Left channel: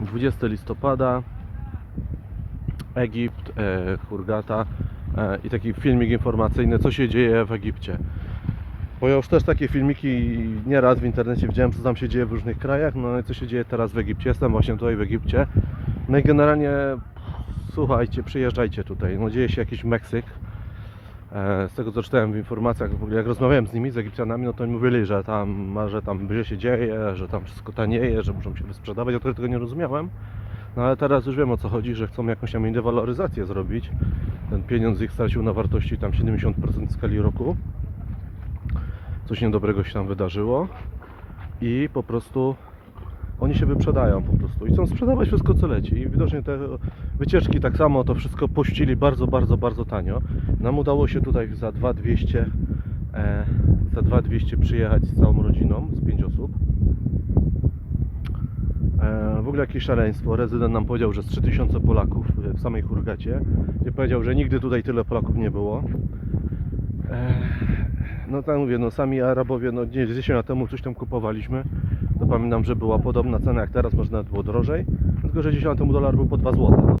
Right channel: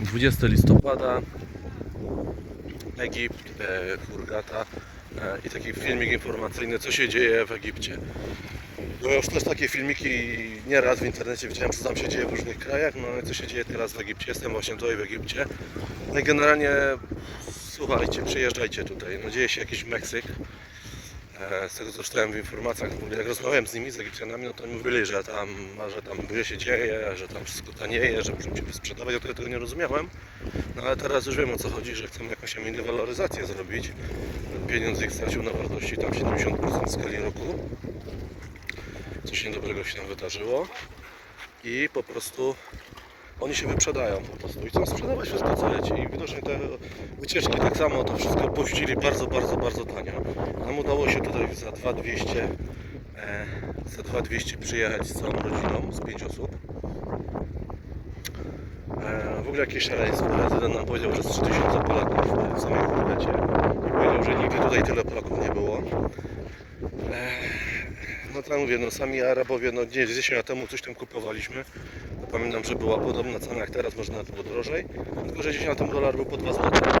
20 listopada, Egipt, e, Hurgata e, i taki filmik informacyjny, co się dzieje w Egipcie. Bo ja już też takie filmiki nieraz w internecie widziałem, co tam się dzieje w różnych krajach, no i co się dzieje teraz w Egipcie. Jestem właśnie tutaj w Egipcie. No i generalnie słuchajcie, przyjeżdżajcie tutaj. No dzieje się jakiś Meksyk. E, Z tego co czytałem w informacjach, jak rozmawiałem z nimi, z Egipcjanami, no to mi mówili, że tam, że tam źle się dzieje, że tam wszystko tanieje, że muszą się wysprzedawać. Ja tego nie rozumiałem. No ale teraz już wiem o co chodzi, że chcą jakąś tam inną waloryzację zrobić. Ten pieniądz ich stracił na wartości tam 70% w skali roku. Coś niedobrego się tam wydarzyło. I po prostu oni się wyprzedają po prostu i chcą sprzedawać wszystko co leci. I widocznie te wycieczki tak samo to wszystko puścili bardzo, bardzo, bardzo tanio. Nam udało się tutaj za 2200 e, za 2200 przyjechać z całą rodziną, z 5 osób. E, w ogóle jakieś szaleństwo. Rezydent nam powiedział, że z 3000 Polaków e, w samej Hurgacie. I powiedział, że nigdy tutaj tyle Polaków nie było. E, no tak mówię, no sami Arabowie, no nie, 10 lat temu coś tam kupowaliśmy. Pamiętam, że była podobna cena jak teraz, może nawet było drożej. Tylko, że 10 lat temu dolar był po 2 zł.